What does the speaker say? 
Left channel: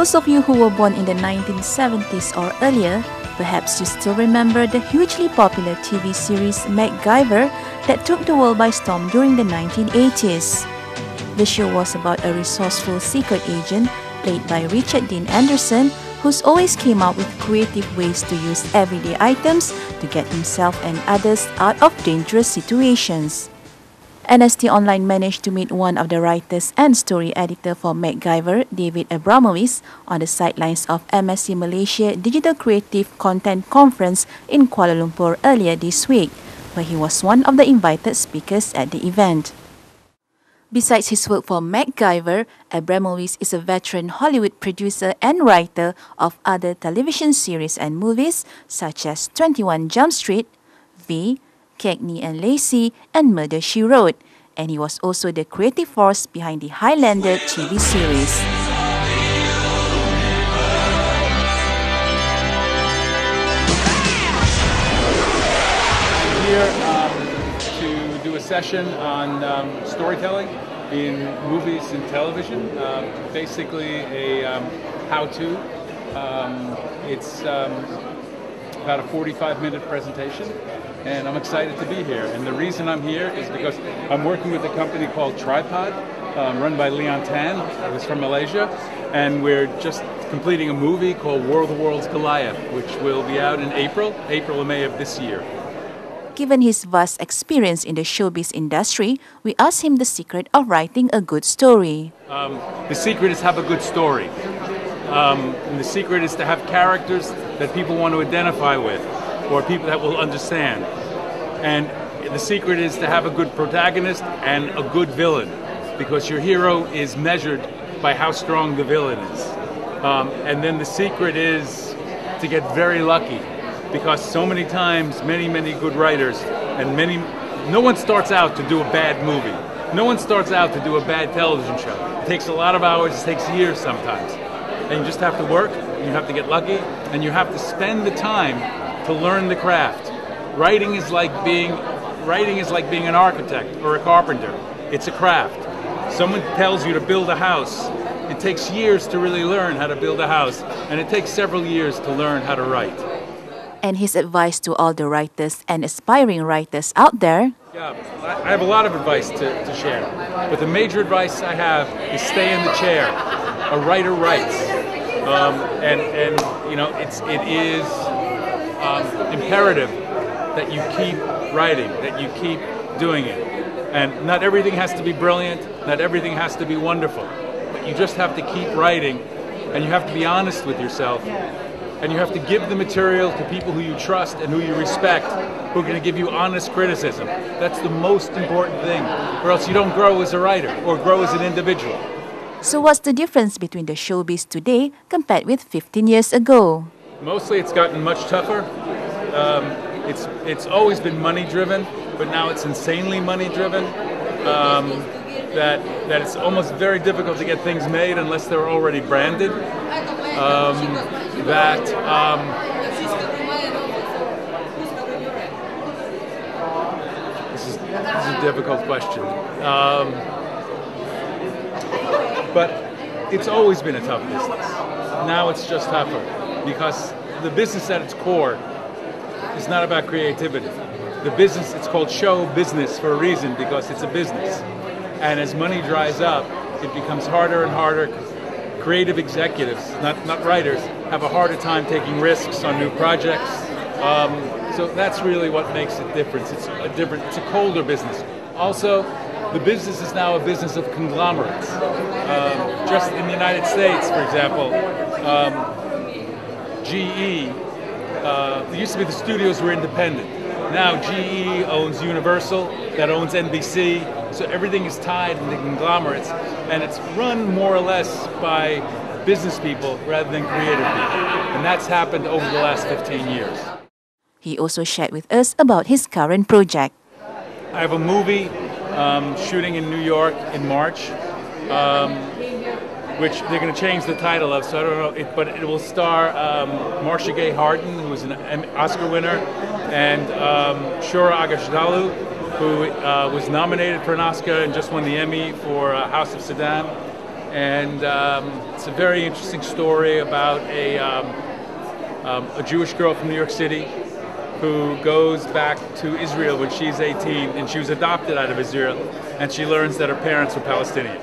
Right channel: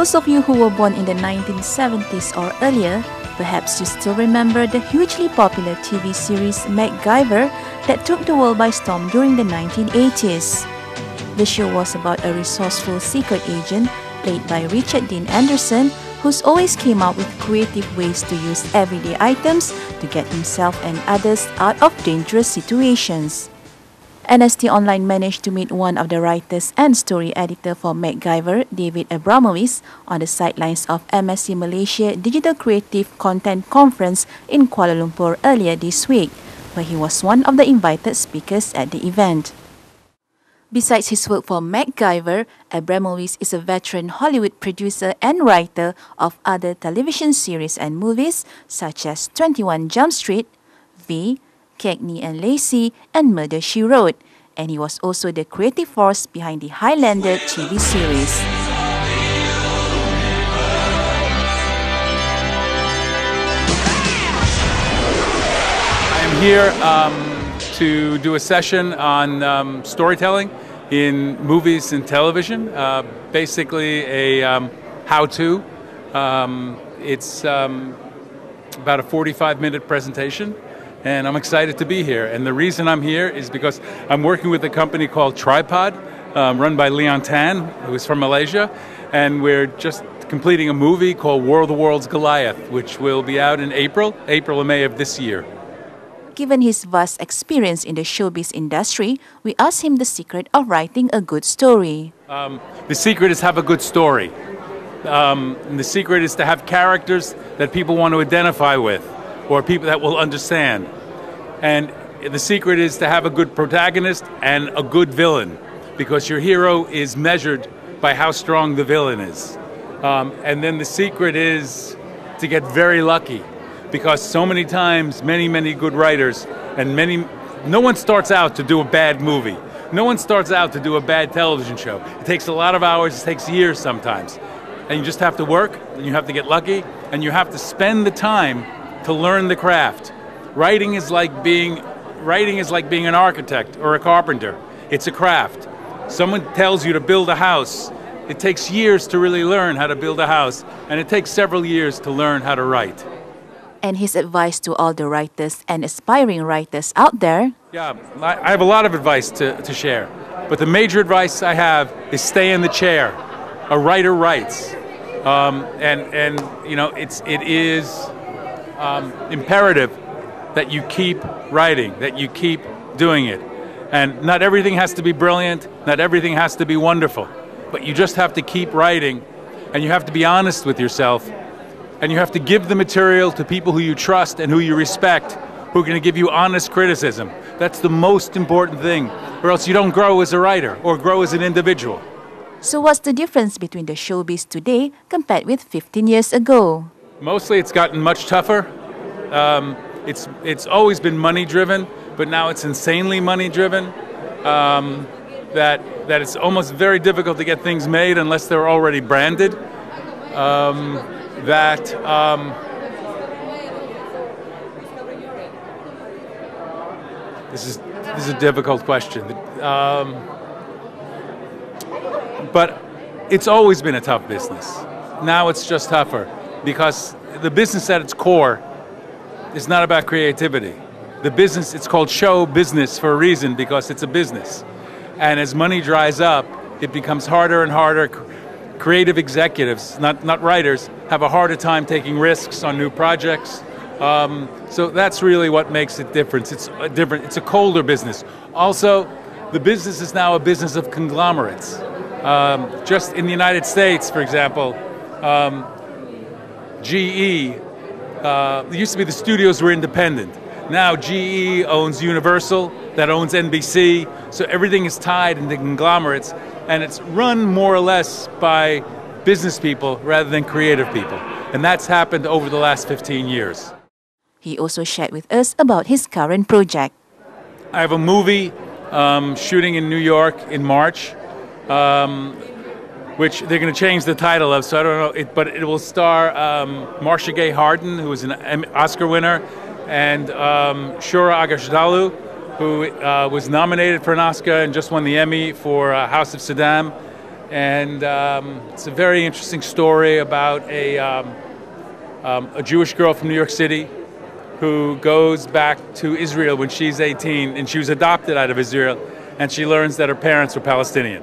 those of you who were born in the 1970s or earlier, perhaps you still remember the hugely popular TV series MacGyver that took the world by storm during the 1980s. The show was about a resourceful secret agent played by Richard Dean Anderson, who's always came up with creative ways to use everyday items to get himself and others out of dangerous situations. NST Online managed to meet one of the writers and story editor for MacGyver, David Abramowitz, on the sidelines of MSC Malaysia Digital Creative Content Conference in Kuala Lumpur earlier this week, where he was one of the invited speakers at the event. Besides his work for MacGyver, Abramowitz is a veteran Hollywood producer and writer of other television series and movies such as 21 Jump Street, V, Cagney and Lacey, and Murder, She Wrote, and he was also the creative force behind the Highlander TV series. I'm here to do a session on storytelling in movies and television, basically a how-to. It's about a 45-minute presentation. And I'm excited to be here. And the reason I'm here is because I'm working with a company called Tripod, run by Leon Tan, who is from Malaysia. And we're just completing a movie called War of the Worlds Goliath, which will be out in April or May of this year. Given his vast experience in the showbiz industry, we asked him the secret of writing a good story. The secret is have a good story. And the secret is to have characters that people want to identify with, or people that will understand. And the secret is to have a good protagonist and a good villain, because your hero is measured by how strong the villain is. And then the secret is to get very lucky, because so many times, many good writers, and no one starts out to do a bad movie. No one starts out to do a bad television show. It takes a lot of hours, it takes years sometimes. And you just have to work, you have to get lucky, and you have to spend the time to learn the craft. Writing is like being an architect or a carpenter. It's a craft. Someone tells you to build a house. It takes years to really learn how to build a house, and it takes several years to learn how to write. And his advice to all the writers and aspiring writers out there? Yeah, I have a lot of advice to share, but the major advice I have is stay in the chair. A writer writes, and you know it is imperative that you keep writing, that you keep doing it. And not everything has to be brilliant, not everything has to be wonderful, but you just have to keep writing, and you have to be honest with yourself, and you have to give the material to people who you trust and who you respect, who are going to give you honest criticism. That's the most important thing, or else you don't grow as a writer or grow as an individual. So what's the difference between the showbiz today compared with 15 years ago? Mostly it's gotten much tougher. It's always been money driven, but now it's insanely money driven. That it's almost very difficult to get things made unless they're already branded. This is a difficult question. But it's always been a tough business. Now it's just tougher, because the business at its core is not about creativity. The business, it's called show business for a reason, because it's a business. And as money dries up, it becomes harder and harder. Creative executives, not writers, have a harder time taking risks on new projects. So that's really what makes it different. It's a colder business. Also, the business is now a business of conglomerates. Just in the United States, for example, GE, there used to be the studios were independent. Now GE owns Universal, that owns NBC, so everything is tied into conglomerates, and it's run more or less by business people rather than creative people. And that's happened over the last 15 years. He also shared with us about his current project. I have a movie shooting in New York in March, which they're going to change the title of, so I don't know, but it will star Marcia Gay Harden, who was an Oscar winner, and Shohreh Aghdashloo, who was nominated for an Oscar and just won the Emmy for House of Saddam. And it's a very interesting story about a Jewish girl from New York City who goes back to Israel when she's 18, and she was adopted out of Israel, and she learns that her parents were Palestinian.